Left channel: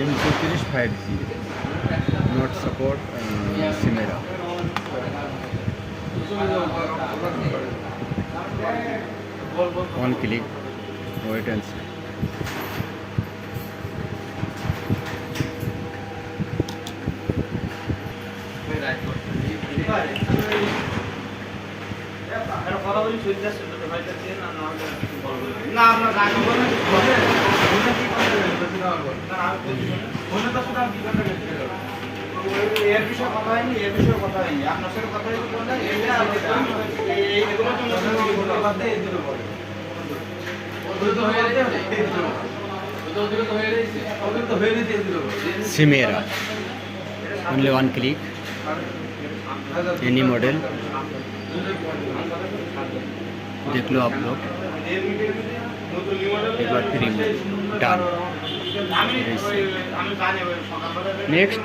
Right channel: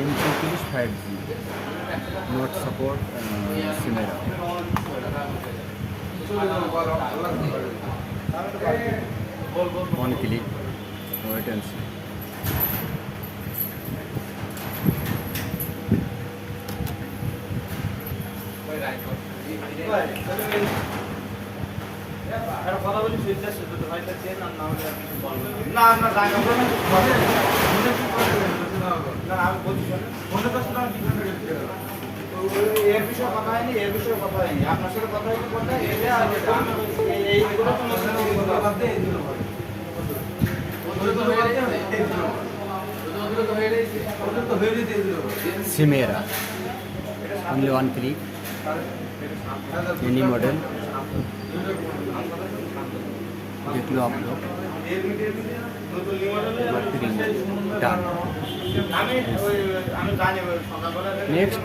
M34 5G not support Chimera. One click, wait and see. কথা বলি সুবিধা সুবিধা ভাইটা চেন না না না আপনার জায়গা বলে না আমি বলছি ফোনে তো শুধু আমি জীবনে দেখতে এর বিষয়ে কথা হয়নি এর বিষয়ে কথা হয়নি আপনার সাথে কথা হয়নি কোনটা এটা আর এই এগুলো তো মনে বাদ দিয়ে দিল বলে ওদের তো হয়ে গেছে ওদের তো হয়ে গেছে ওদের তো হয়ে গেছে দিল Chimera. Only one click. Any model. देख लो आप लोग एक बार फ्री में डन नेक्स्ट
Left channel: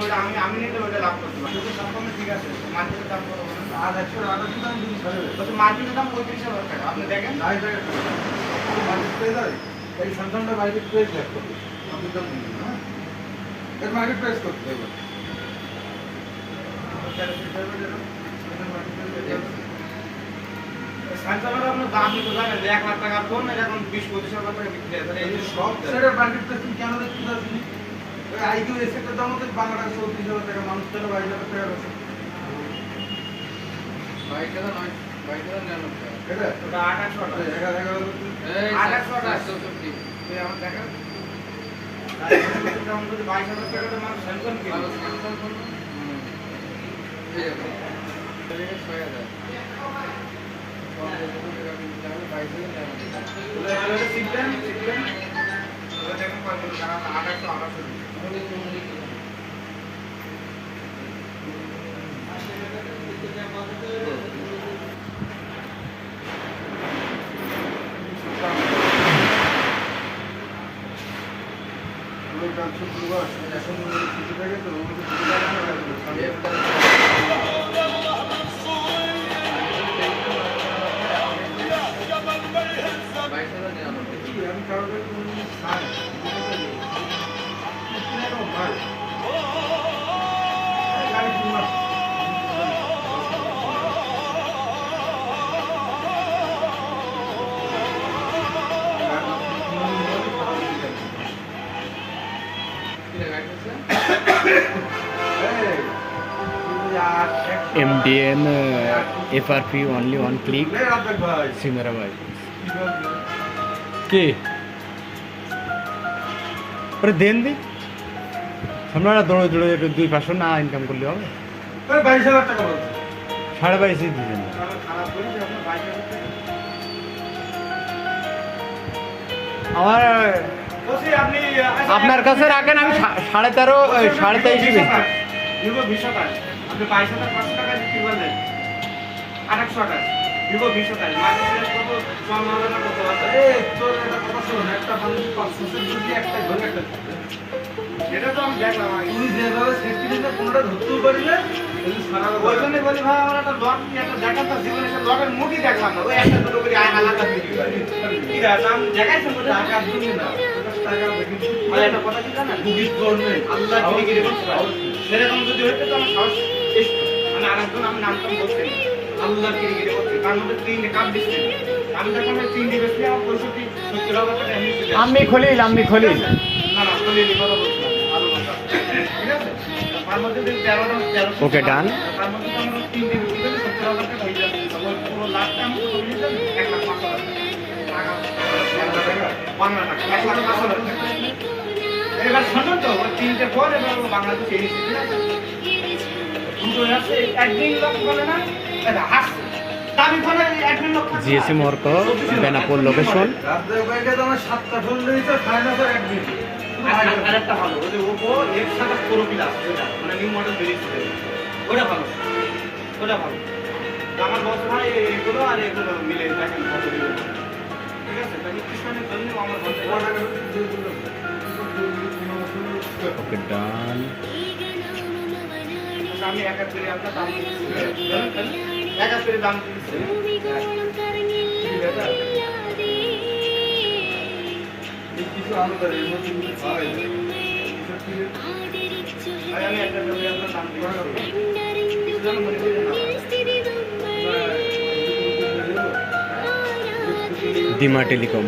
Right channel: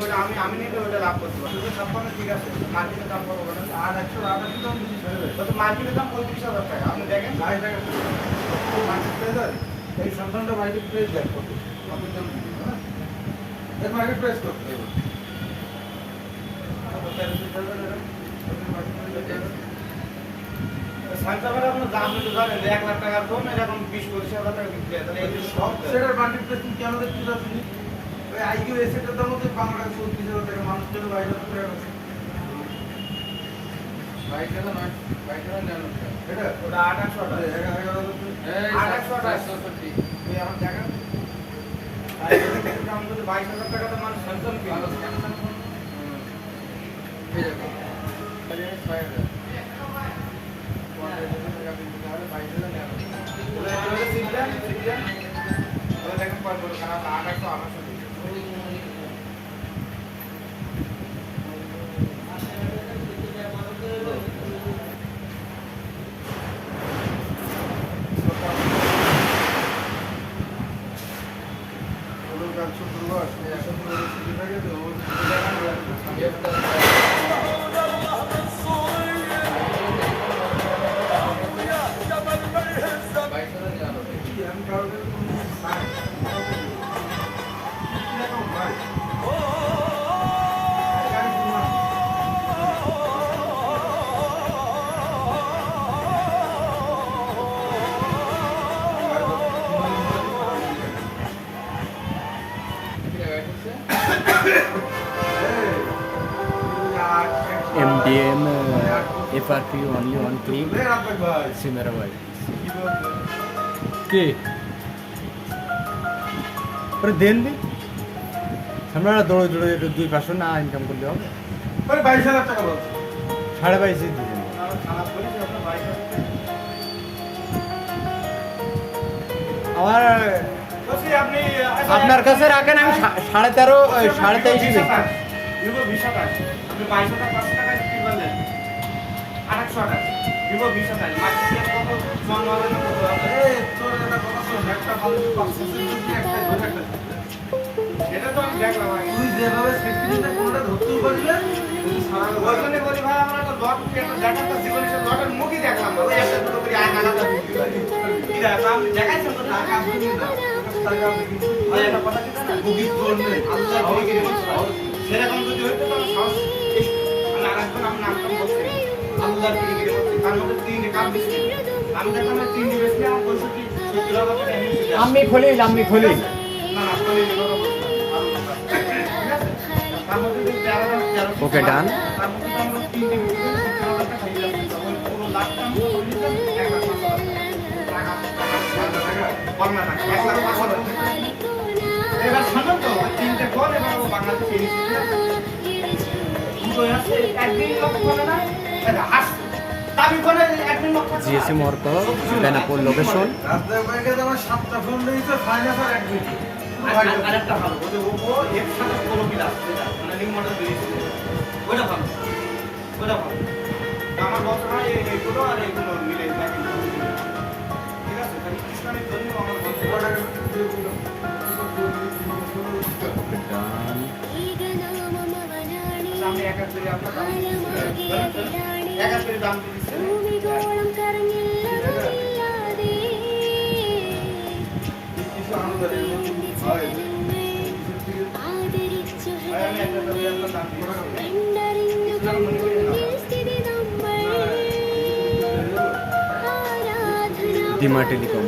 সাইকেলের আপনার দাম তো জানেন 1 লাখ টাকার ফোন এর এখন 20-25 হাজার টাকা বিক্রি হয় তাহলে এই সব সেটার মার্কেট প্লেসিং কেন দেখতে যাচ্ছেন ওই আইকিউ এসেটের দাম তো 15,000-30,000 টাকা মানুষ কেন 22,000 টাকা আছে বাইকটা নয় বাইকটা নেন এটা ওটা 800 টাকা 11,000 800 এই আমার টাকা দাম যদি 22,000 টাকা তো মানুষ স্যামসাং কিনবে ঠিক আছে তাহলে 6,000 MDM FRP only one click Chimera भाई के पर देन दी আমরা দৌড়ে দৌড়ে একটু 2-500 না ইনকাম করলে হবে 22,000 টাকা বল 22.5 দিবেন আমার আপনার কাছে রাখেন আমি 13.5 23 বেচি ভিভো 20 টাকা আপনি 22,500 টাকা কি বলেন 800 টাকা ভিভো 20 টাকা মার্কেট কত জমানো কত আছে তোর এটা কত শোন একটা ভালো 500 টাকা একটা ভালো একটা এটা তো আমি দেখলাম তুমি যেভাবে সেফটিটা কোনটা ধরতে পারলে সারা ওজনে বলি ভাই আমরা তো ডট কি একটা দেখাতে জীবনে সে ডটের মুখই দেখলাম ওই একটা দুটো করে আয়না লাগা ভিডিও কি দাম দেখাইছেন তো টাকা দিন না টাকা দেখি ভাই এটা কথা কি জানেন গুগল করবেন আল্লাহ গিরে বলছে সেরকম যদি হইতো তাহলে সাহস মানে আরেকজন আমি নাম তো বলছি আল্লাহ গিরে বলছে তার মধ্যে তিন কাপ দিচ্ছে আমি দেখলাম 3 দিন বেশি আমার 65-70,000 টাকা এমনি আমি খলিল না না খলিল ওকে ডান GSM Orco Benapur location আরেকটা ভালো ওদের ওপো এর সাথে পুরো বিলাস মানে নিউ মডেল বেরিয়েছে ওটা ভালো আমার বস ভাই এগুলো আর এগুলো মিলে দেখেন ভালো দিবে ঠিক আছে তাহলে কৃষ্ণের জন্য আমার ওকে ডান সামনে এক এক করে আপনার দাম এক এক করে দাম দিচ্ছে দাম করে নতুন হয় আমি একটা ব্যাপারে দাম ডিমা টেলিকম।